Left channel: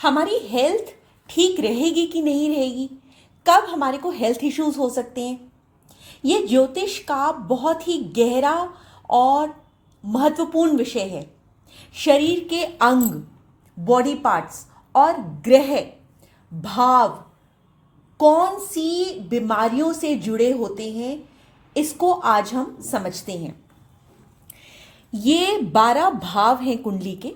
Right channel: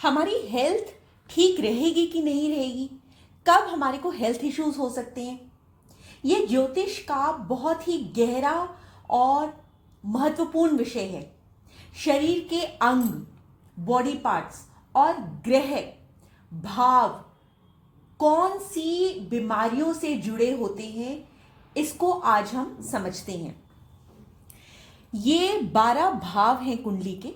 हमारी हेल्थ ठीक रहेगी कि नहीं रहेगी, कब हमारे को हेल्थ इश्यूज हो सकते हैं, ये ज्योतिष का बहुत ही गहरा और महत्वपूर्ण विषय है। शरीर के अंग, बॉडी पार्ट्स और ग्रह, भाव कौन सी बीमारियों से जुड़े होते हैं, इसको आज हम समझते हैं। ये 12 भाव हैं कुंडली के।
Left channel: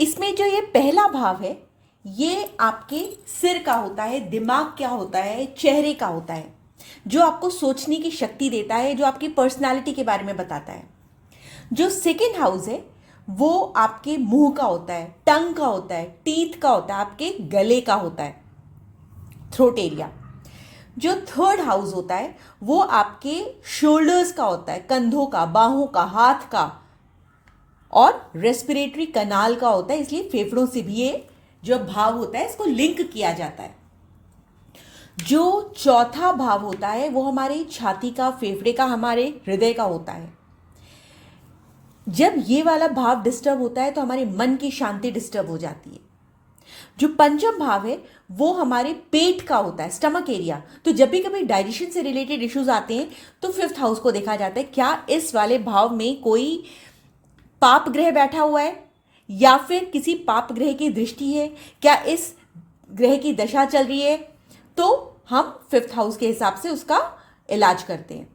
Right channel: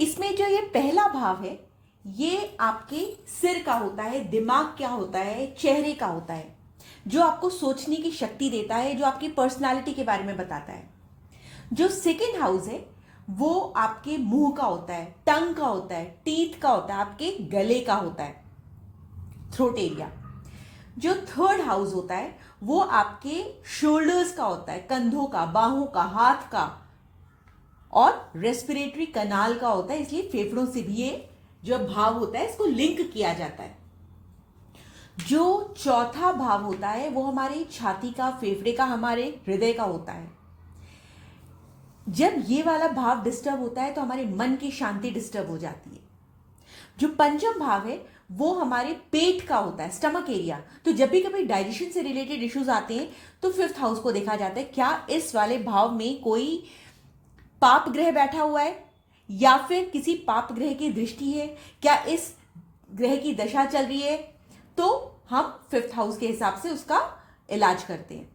इसमें जो ये पहला भाव है, ये आपके सिर का होता है, दिमाग क्या होता है, चेहरे का होता है, जो आपको सोचने की शक्ति देता है, जो आपकी पर्सनालिटी के बारे में बताता है। जो सेकेंड हाउस है वो आपके मुंह का होता है, टंग का होता है, टीथ का होता है, आपके गले का होता है, थ्रोट एरिया। जो थर्ड हाउस होता है वो आपके शोल्डर्स का होता है, कंधों का, बाहों का, हाथ का और रेस्पिरेटरी कनाल का होता है। इसलिए फेफड़ों से भी ये जो भाव होता है इसको लिंक किया जाता है। जो चौथा भाव होता है वो हमारे छाती का, फेफड़े का, हमारे हृदय का होता है। जब ये वाला भाव डिस्टर्ब होता है तो हमारे मन की शांति डिस्टर्ब हो जाती है। जो पंचम भाव है वो हमारे पेट का होता है, स्टमक एरिया। तो जब भी कभी डाइजेशन से रिलेटेड इश्यूज आते हैं तो फिफ्थ हाउस को देखा जाता है, क्या इस वाले भाव में कोई पाप ग्रह बैठा हुआ है या फिर किसी पाप ग्रह की दृष्टि है, क्या इस ग्रह की दशा चल रही है, तो हम फिफ्थ हाउस के हिसाब से उसका इलाज करते हैं।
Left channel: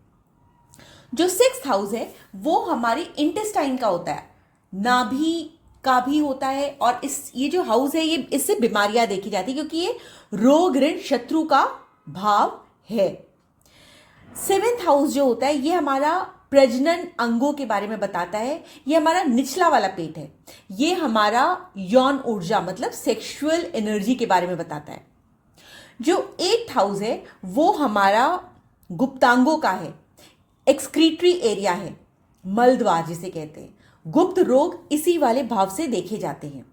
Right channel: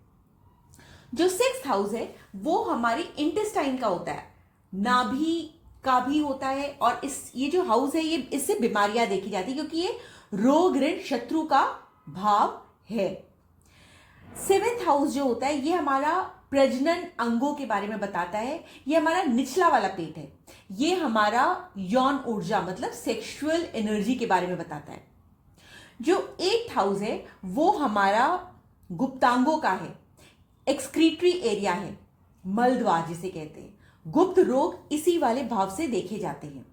जो सिक्स्थ हाउस है वो हमारी इंटेस्टाइन का होता है, नाभि का भी होता है। और ये जो हाउस है ये इससे बीमारियां देखी जाती है क्योंकि ये रोग, ऋण, शत्रु का भाव है। सेवेंथ हाउस जो होता है ये हमारा प्रजनन अंगों के बारे में बताता है। ये हमारा निचला वाला पेट है, ये हमारा यौन ऊर्जा मतलब सेक्सुअल एनर्जी के बारे में बताता है। जो एट्थ हाउस है वो हमारा गुप्तांगों का है, एक्सक्रीटरी एरिया है, मलद्वार जिसे कहते हैं। गुप्त रोग इसी वाले भाव से देखे जाते हैं।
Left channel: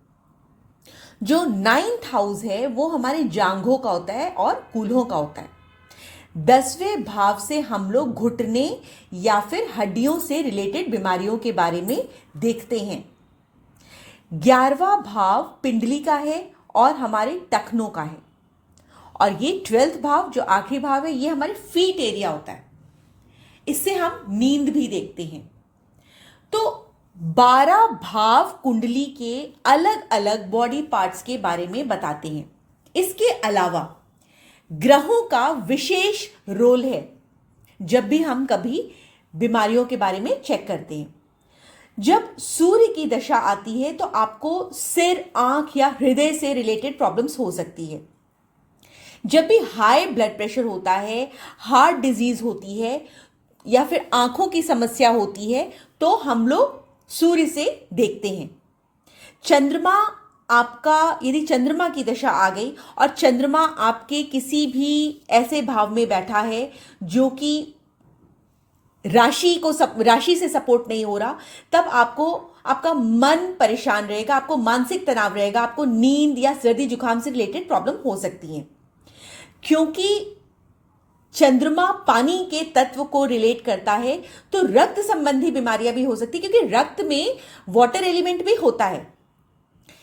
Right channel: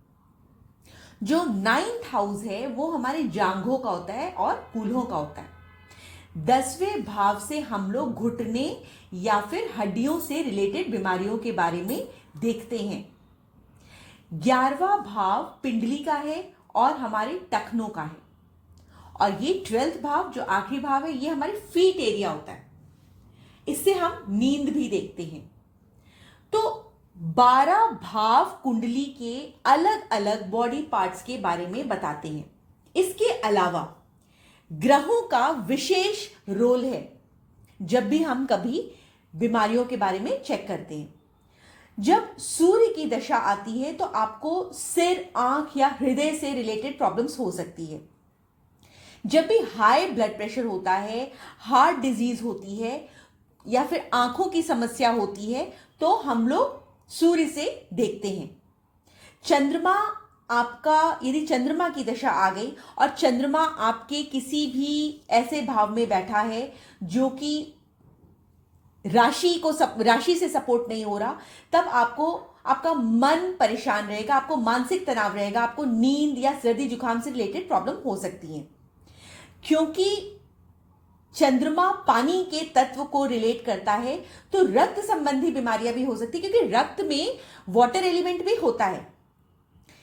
जो नाइन्थ हाउस है वो हमारे जांघों का होता है और कूल्हों का होता है। 10वें भाव से हम लोग घुटने या फिर हड्डियों से रिलेटेड बीमारियों के बारे में देखते हैं। 11वां भाव पिंडली का है और हमारे टखनों का है। और ये 12th भाव जो आखिरी भाव है ये हमारे फीट एरिया होता है, इससे हम नींद भी देखते हैं। तो 12 भाव कुंडली के अलग अलग बॉडी पार्ट्स के बारे में बताते हैं। इसके अलावा ग्रहों का विशेष रोल है जब भी हम कभी बीमारियों के बारे में चेक करते हैं। जब सूर्य की दशा आती है तो आपको सिर, आंख या हृदय से रिलेटेड प्रॉब्लम्स हो सकती है। जब भी हाई ब्लड प्रेशर होता है, हार्ट डिजीज होती है या फिर आंखों की समस्या होती है तो हम लोग सूर्य से देखते हैं। चंद्रमा आपका, यदि चंद्रमा की दशा आ गई और चंद्रमा आपके किसी भी ऐसे भाव में बैठा है जो कि राशि से सपोर्ट नहीं हो रहा, तब आपको आपका मन परेशान रहेगा, आपको मानसिक तनाव रहेगा, आपको नींद या सर्दी जुकाम से रिलेटेड प्रॉब्लम हो सकती है। क्योंकि चंद्रमा पानी के तत्व को रिलेट करता है तो रक्त संबंधी बीमारियां भी हो सकती है, क्योंकि रक्त में वाटर एलिमेंट भी होता है।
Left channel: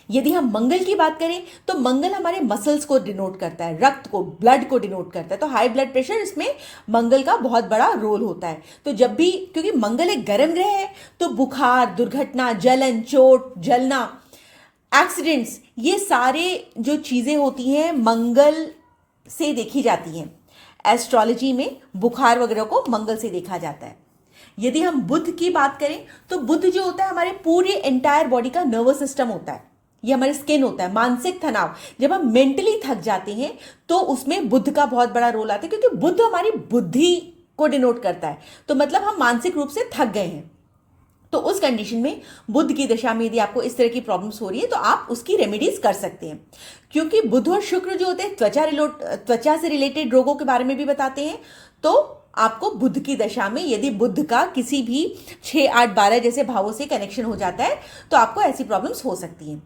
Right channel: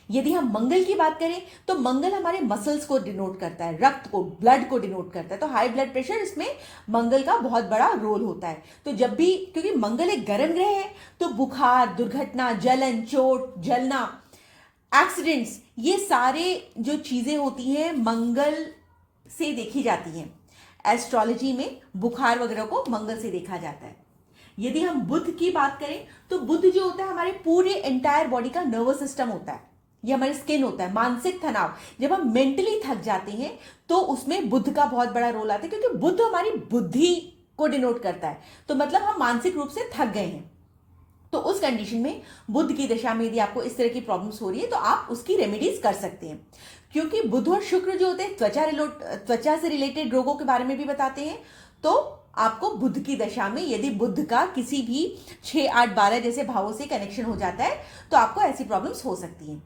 यदि हम मंगल की बात करें तो मंगल हमारे मसल्स को डिनोट करता है, रक्त को, ब्लड को डिनोट करता है। तो हाई ब्लड प्रेशर, इसमें मंगल का बहुत बड़ा रोल होता है। तो जब भी, क्योंकि मंगल एक गर्म ग्रह है, तो बुखार, दुर्घटना, जलन, चोट, जलना, एक्सीडेंट्स, ये सारे जो चीजें होती हैं मंगल से देखी जाती हैं। एस्ट्रोलॉजी में बुखार वगैरह को मंगल से देखा जाता है। यदि हम बुध की बात करें तो बुध जो होता है हमारे पूरे एंटायर बॉडी का नर्वस सिस्टम होता है, ये हमारे स्किन होता है। मानसिक तनाव, जब हम मेंटली थक जाते हैं तो उसमें बुध का बहुत बड़ा रोल आता है, क्योंकि बुध हमारी बुद्धि को डिनोट करता है। तो मतलब हम मानसिक रूप से थक गए हैं, तो उस कंडीशन में बुध की दशा में यदि आपको इस तरह की प्रॉब्लम्स हो रही है तो आप उसकी रेमेडीज कर सकते हैं। क्योंकि बुध और शुक्र जो होते हैं त्वचा से रिलेटेड रोगों के बारे में भी बताते हैं। तो आपको बुध की दशा में यदि बुध का किसी भी 6, 8, 12 जैसे भावों से कनेक्शन हो जाता है तो आपको ऐसी प्रॉब्लम्स हो सकती हैं।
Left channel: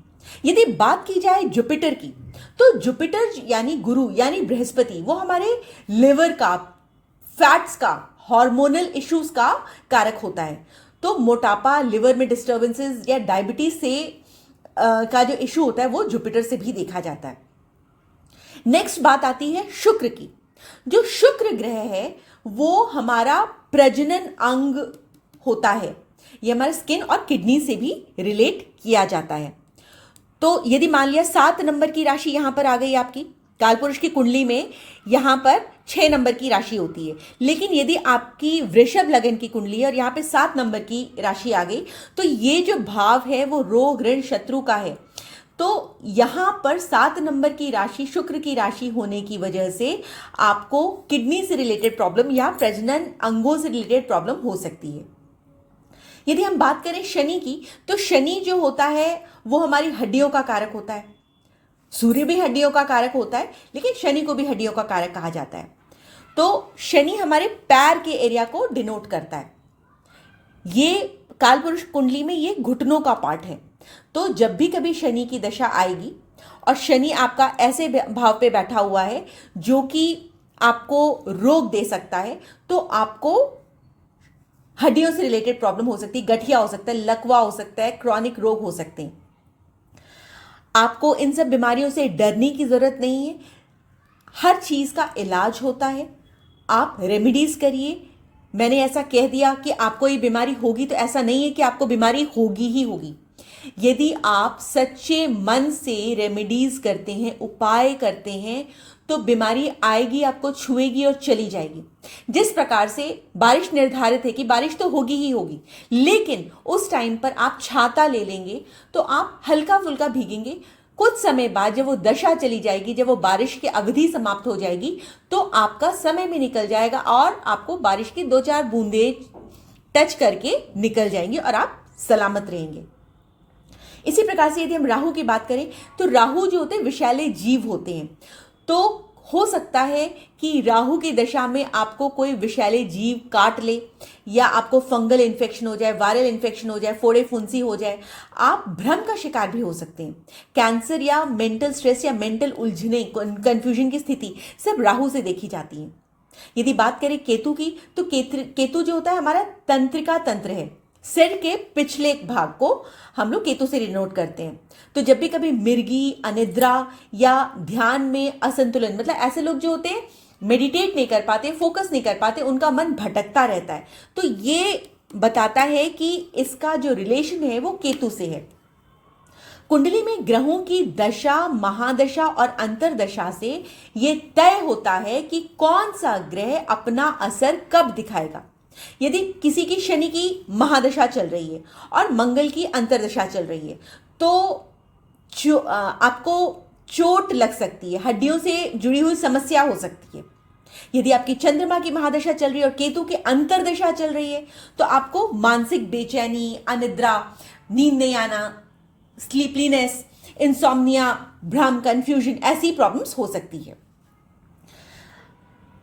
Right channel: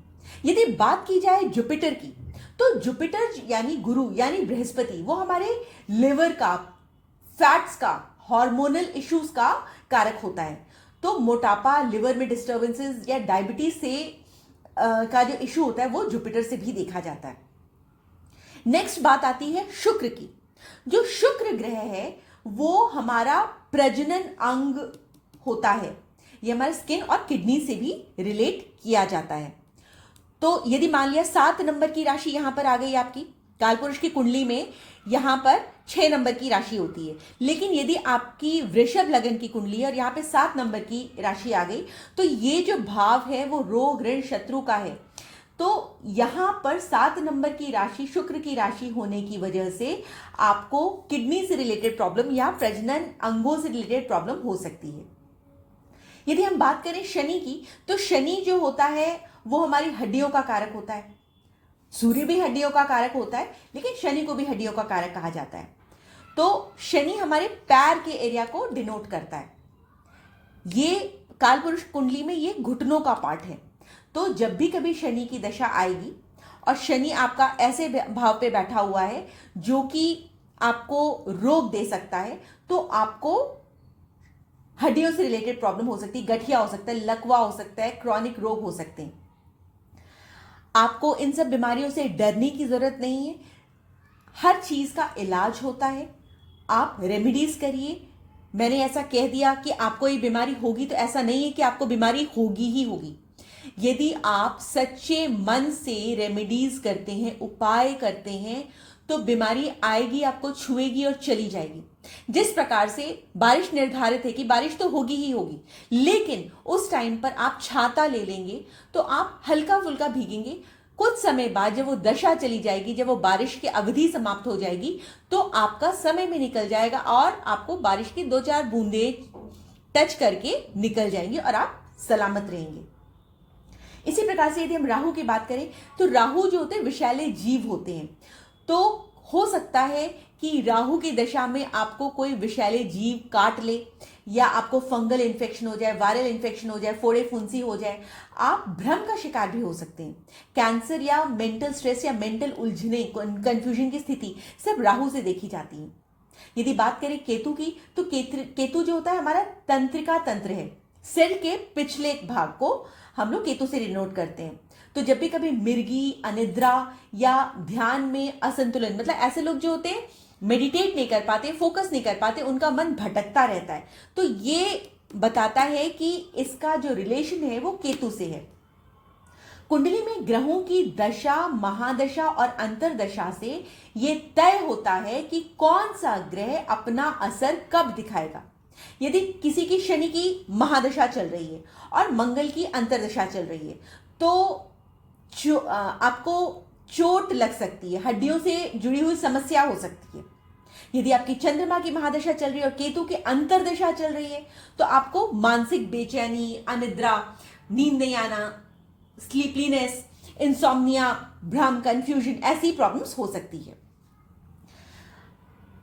यदि बात की जाए जुपिटर की, तो जुपिटर यानी गुरु यानी बृहस्पति, वो हमारे लिवर का, फैट्स का, हार्मोनल इश्यूज का कारक होता है। तो मोटापा, लिवर में डिस्टर्बेंसेस या डायबिटीज से का जो इशू होता है वो जुपिटर से भी देखा जाता है। नेक्स्ट बात आती है शुक्र की। जो शुक्र ग्रह है वो हमारा प्रजनन अंग होता है, ये हमारे स्किन और किडनी से भी रिलेट किया जाता है। तो यदि मान लिया 7 नंबर की राशि यहां पर आ गई आपकी कालपुरुष की कुंडली में, यहां पर 6 नंबर की राशि होती है, लेकिन यदि आपकी वृषभ लगन की कुंडली है और यहां पे 7 नंबर की राशि आ गई, तो ये जो भाव है वो रोग ऋण शत्रु का है। तो यहां पर 7 नंबर की राशि शुक्र की राशि होने की वजह से आपको किडनी से रिलेटेड प्रॉब्लम या प्रजनन अंगों से रिलेटेड प्रॉब्लम हो सकती है। यदि हम बात करें शनि की, तो शनि जो होता है वो हमारी हड्डियों का कारक होता है। सूर्य भी हड्डियों का कारक होता है, लेकिन शनि को भी हड्डियों का कारक कहा जाता है। तो शनि हमारे पैर के एरिया को डिनोट करता है। ये कालपुरुष कुंडली में ये घुटनों का पार्ट है। तो जब भी कभी शनि की दशा आएगी और शनि आपका ऐसे भाव पे बैठा हुआ है जो कि आपको रोग दे सकता है, तो आपको हड्डियों से रिलेटेड प्रॉब्लम हो सकती है, गठिया हो सकता है, लकवा हो सकता है, क्रॉनिक रोग हो सकते हैं। आपको इन सब बीमारियों से डरने की जरूरत नहीं है, हर चीज का इलाज होता है। आप रेमेडीज करिए। मैंने ऐसा कह दिया कि आपको ये बीमारी होगी, तो ऐसा नहीं है कि आपको बीमारी होगी ही होगी। यदि आप सच्चे मन से रेमेडीज करते हैं, उपाय करते हैं, तो बीमारी आएगी, आपको छुएगी और चली जाएगी। जिस प्रकार से बारिश निर्धारित है कि बारिश तो होगी ही होगी, लेकिन उस टाइम पर आप छाता ले लेंगे तो आप हल्का फुल्का भीगेंगे। कुछ समय बाद जब वो दशा चली जाएगी, जब वो बारिश की अवधि समाप्त हो जाएगी, तो आपका समय भी निकल जाएगा और आपको बारिश की 2-4 बूंदे टच करके निकल जाएंगी और आप सलामत रहेंगे। इसी प्रकार से यदि हम राहु की बात करें, तो राहु जो होते हैं विषैले जीव होते हैं। तो हो सकता है कि राहु की दशा में आपको कोई विषैले जीव काट ले, या आपको फंगल इन्फेक्शन हो जाए, वायरल इन्फेक्शन हो जाए, फोड़े फुंसी हो जाए। आप भ्रम का शिकार भी हो सकते हैं। कैंसर या मेंटल स्ट्रेस या मेंटल उलझने, कंफ्यूजन की स्थिति सब राहु से देखी जाती है। यदि बात करें केतु की, तो केतु जो होता है हमारा तंत्रिका तंत्र है। सिर के पिछले भाग को हम लोग केतु से डिनोट करते हैं। तो जब भी कभी मिर्गी, अनिद्रा या ध्यान में असंतुलन, मतलब ऐसे लोग जो होते हैं मेडिटेट नहीं कर पाते, फोकस नहीं कर पाते, उनका मन भटकता रहता है, तो ये बताता है कि इसका जो रिलेशन है वो केतु से है। कुंडली में ग्रहों की दशा, महादशा और अंतरदशा से यह तय होता है कि कौन सा ग्रह अपना असर कब दिखाएगा। यदि किसी की शनि की महादशा चल रही है और मंगल की अंतरदशा चल रही है, तो आपको चोट लग सकती है, हड्डियों से जुड़ी हुई समस्या हो सकती है। यदि आपकी चंद्रमा की महादशा चल रही है और केतु की अंतरदशा चल रही है, तो आपको मानसिक बेचैनी, अनिद्रा, नींद नहीं आना, स्लीपलीनेस, इंसोम्निया, भ्रम, कंफ्यूजन, ऐसी प्रॉब्लम्स हो सकती है।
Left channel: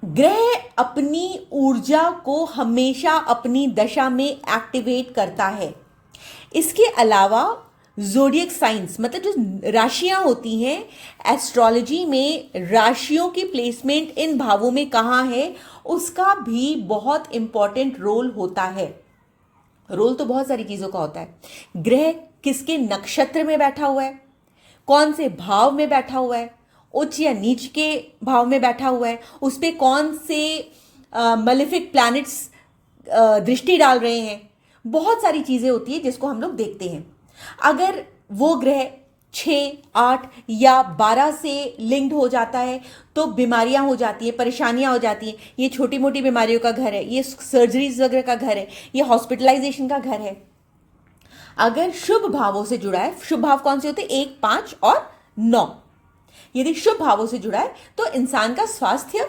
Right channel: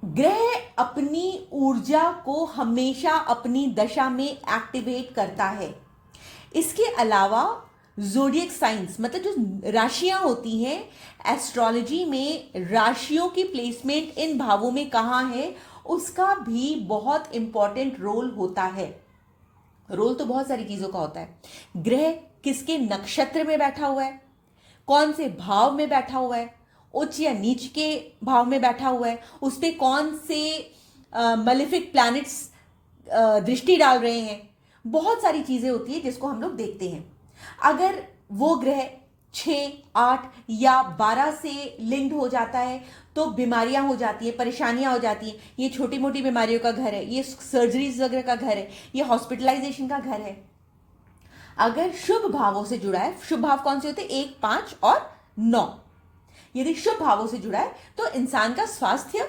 ग्रह अपनी ऊर्जा को हमेशा अपनी दशा में एक्टिवेट करता है। इसके अलावा ज़ोडिएक साइंस, मतलब जो राशियां होती हैं, एस्ट्रोलॉजी में राशियों की प्लेसमेंट इन भावों में कहाँ है, उसका भी बहुत इंपॉर्टेंट रोल होता है। रोल तो बहुत सारी चीज़ों का होता है। ग्रह किसके नक्षत्र में बैठा हुआ है, कौन से भाव में बैठा हुआ है, उच्च या नीच के भाव में बैठा हुआ है, उस पर कौन से मलेफिक प्लैनेट्स दृष्टि डाल रहे हैं, बहुत सारी चीज़ें होती है जिसको हम लोग देखते हैं। अगर वो ग्रह 6, 8 या 12 से लिंक्ड हो जाता है तो बीमारियां हो जाती है, परेशानियां हो जाती हैं। ये छोटी मोटी बीमारियों का घर है, ये सर्जरीज वगैरह का घर है, ये हॉस्पिटलाइजेशन का घर है। अगर शुभ भावों से जुड़ा है, शुभ भाव कौन से होते हैं, 1, 5 और 9, यदि शुभ भावों से जुड़ा है तो इंसान का स्वास्थ्य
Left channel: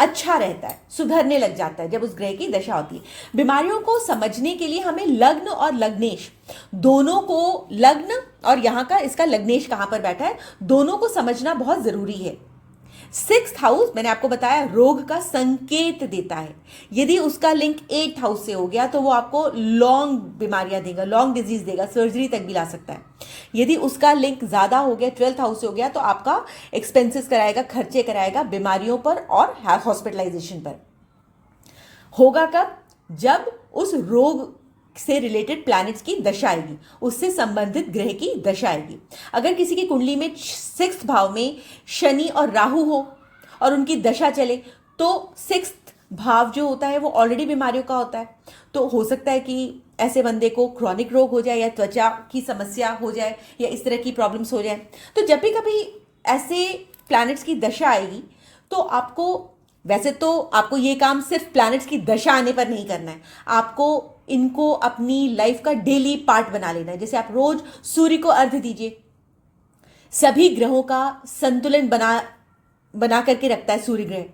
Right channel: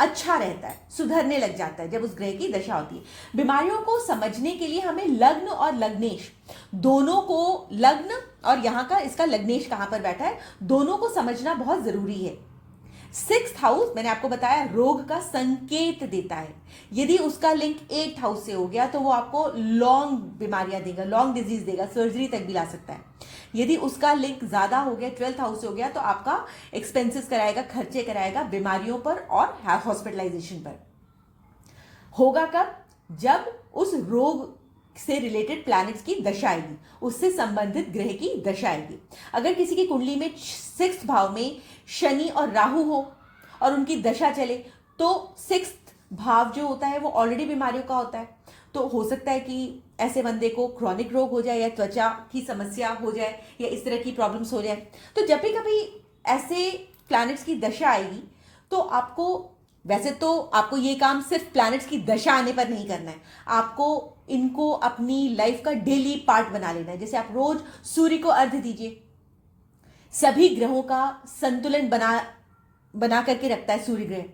अच्छा रहता है, सुधरने लग जाता है जब उस ग्रह की दशा होती है। बीमारियों को समझने के लिए हमें लग्न और लग्नेश दोनों को, लग्न और यहां का इसका लग्नेश कहां पर बैठा है, दोनों को समझना बहुत जरूरी है। 6th हाउस मैंने आपको बताया रोग का संकेत देता है। यदि उसका लिंक 8th हाउस से हो गया तो वो आपको लॉन्ग बीमारियां देगा, लॉन्ग डिजीज देगा, सर्जरी तक भी ला सकता है। यदि उसका लिंक ज्यादा हो गया, 12th हाउस से हो गया, तो आपका एक्सपेंसेस कराएगा, खर्चे कराएगा बीमारियों पर और हॉस्पिटलाइजेशन पर। होगा कब, जब उस रोग से रिलेटेड प्लैनेट्स की दशा आएगी, उससे संबंधित ग्रह की दशा आएगी। अगर किसी की कुंडली में 6th भाव में शनि और राहु हो और उनकी दशा चले, तो 6th भाव जो होता है वो ऑलरेडी बीमारियों का होता है, तो हो सकता है कि ऐसे बंदे को क्रॉनिक रोग हो जाए या त्वचा की समस्या हो जाए या इस तरह की प्रॉब्लम्स हो जाए। तो जब भी कभी ऐसे प्लैनेट्स की दशा आएगी तो आपको, वैसे तो आपको ये काम सिर्फ प्लैनेट्स की दशा आने पर नहीं करना है, आपको इनको अपनी लाइफ का डेली पार्ट बना लेना है। जैसे आप रोज सूर्य को अर्घ्य दीजिए, सभी ग्रहों का संतुलन बना करके रखता है सूर्य ग्रह।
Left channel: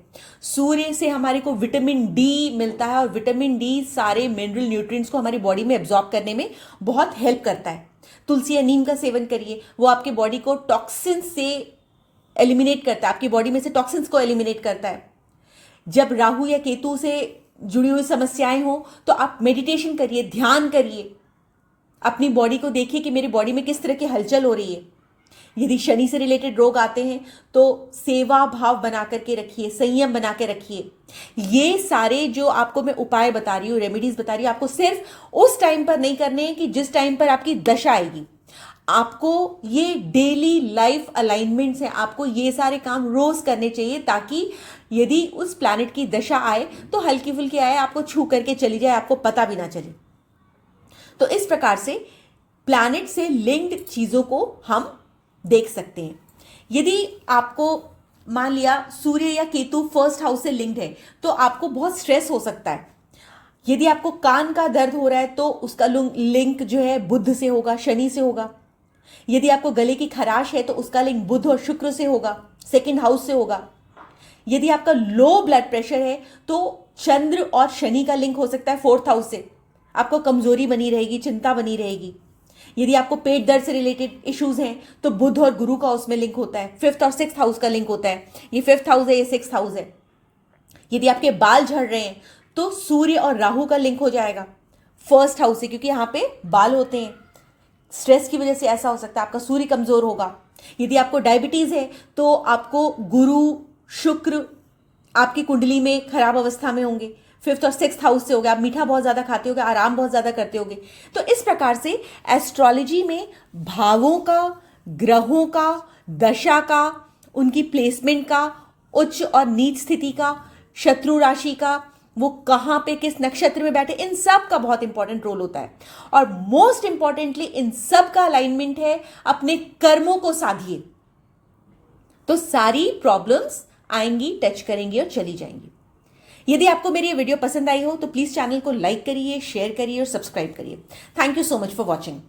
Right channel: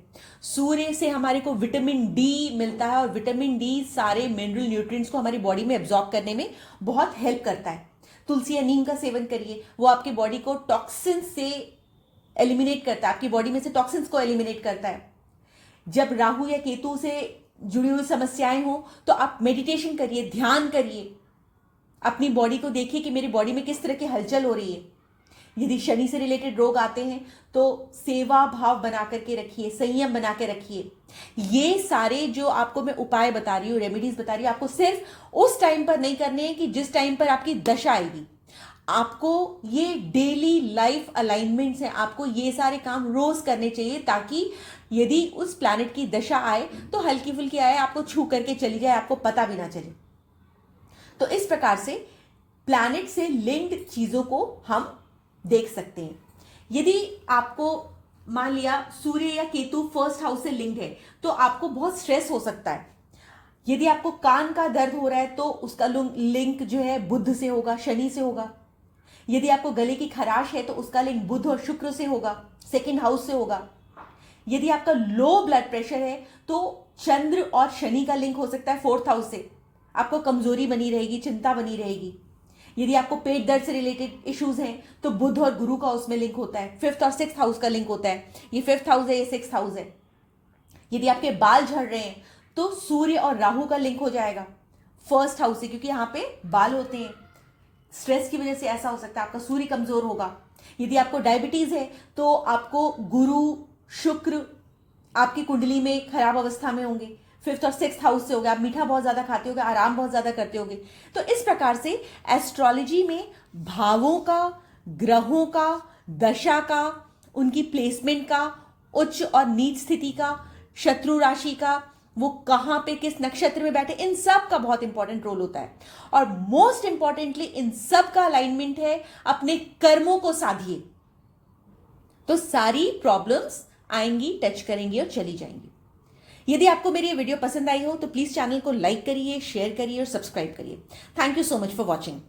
सूर्य से हमारे को विटामिन डी मिलता है और विटामिन डी सारे मिनरल न्यूट्रिएंट्स को हमारी बॉडी में एब्जॉर्ब करने में बहुत हेल्प करता है। तुलसी या नीम का सेवन करिए, वो आपकी बॉडी को टॉक्सिन से एलिमिनेट करता है, आपकी बॉडी में से टॉक्सिन्स को एलिमिनेट करता है। जब राहु या केतु से जुड़ी हुई समस्याएं हो तो आप मेडिटेशन करिए, ध्यान करिए, अपनी बॉडी को देखिए कि मेरी बॉडी में किस तरह की हलचल हो रही है। यदि शनि से रिलेटेड रोग आते हैं तो सेवा भाव बना करके रखिए, संयम बना के रखिए। ये सारे जो आपको मैं उपाय बता रही हूँ, रेमेडीज बता रही हूँ, आपको सिर्फ उस टाइम पर नहीं करने हैं कि जिस टाइम पर आपकी दशा आएगी। आपको ये डेली लाइफ अलाइनमेंट्स हैं, आपको ये सारे काम रोज करने चाहिए, ताकि यदि उस प्लैनेट की दशा आए तो हल्की फुल्की आए, आपको छू करके चली जाए, आपको पता भी ना चले। तो इस प्रकार से प्लैनेट से लिंक्ड चीजों को हम देख सकते हैं। यदि आपको मान लिया सूर्य या केतु फर्स्ट हाउस से लिंक्ड है तो आपको बहुत स्ट्रेस हो सकता है। यदि आपको कान का दर्द हो रहा है तो उसका लिंक जो है बुध से होगा, शनि से होगा। यदि आपको गले की खराश है तो उसका लिंक बुध और शुक्र से होगा, सेकंड हाउस से होगा। यदि आपका लो ब्लड प्रेशर है तो चंद्र और शनि का लिंक हो सकता है 4th हाउस से, आपको कमजोरी बनी रहेगी, चिंता बनी रहेगी। यदि आपको पेट दर्द से रिलेटेड इश्यूज हैं तो बुध और गुरु का उसमें लिंक होता है, 5th और 6th हाउस का लिंक होता है। ये 5th हाउस है, ये 6th हाउस है। यदि आपके बाल झड़ रहे हैं तो सूर्य और राहु का लिंक हो जाएगा 1st हाउस से, क्योंकि यहां पे बाल होते हैं। स्ट्रेस की वजह से ऐसा हो सकता है, आपका सूर्य कमजोर होगा। यदि आपको डायबिटीज है तो आपको गुरु शुक्र आपकी कुंडली में खराब अवस्था में होंगे, 5th और 6th हाउस से हो गया। आप मीठा बहुत ज्यादा खाते होगे, आराम बहुत ज्यादा करते होगे। तो इस प्रकार से एस्ट्रोलॉजी में भावों का, ग्रहों का, दशा का, उनकी प्लेसमेंट का, उच्च और नीच स्थिति का, शत्रु राशि का, वो कहां पे किस नक्षत्र में बैठे, इन सब का बहुत इंपॉर्टेंट रोल होता है। और मोस्ट इंपॉर्टेंटली इन सब का अलाइनमेंट है अपने कर्मों को साधिए, तो सारी प्रॉब्लम्स आएंगी, टच करेंगी और चली जाएंगी। यदि आपको मेरी ये वीडियो पसंद आई हो तो प्लीज चैनल को लाइक करिए, शेयर करिए और सब्सक्राइब करिए। Thank you so much for watching.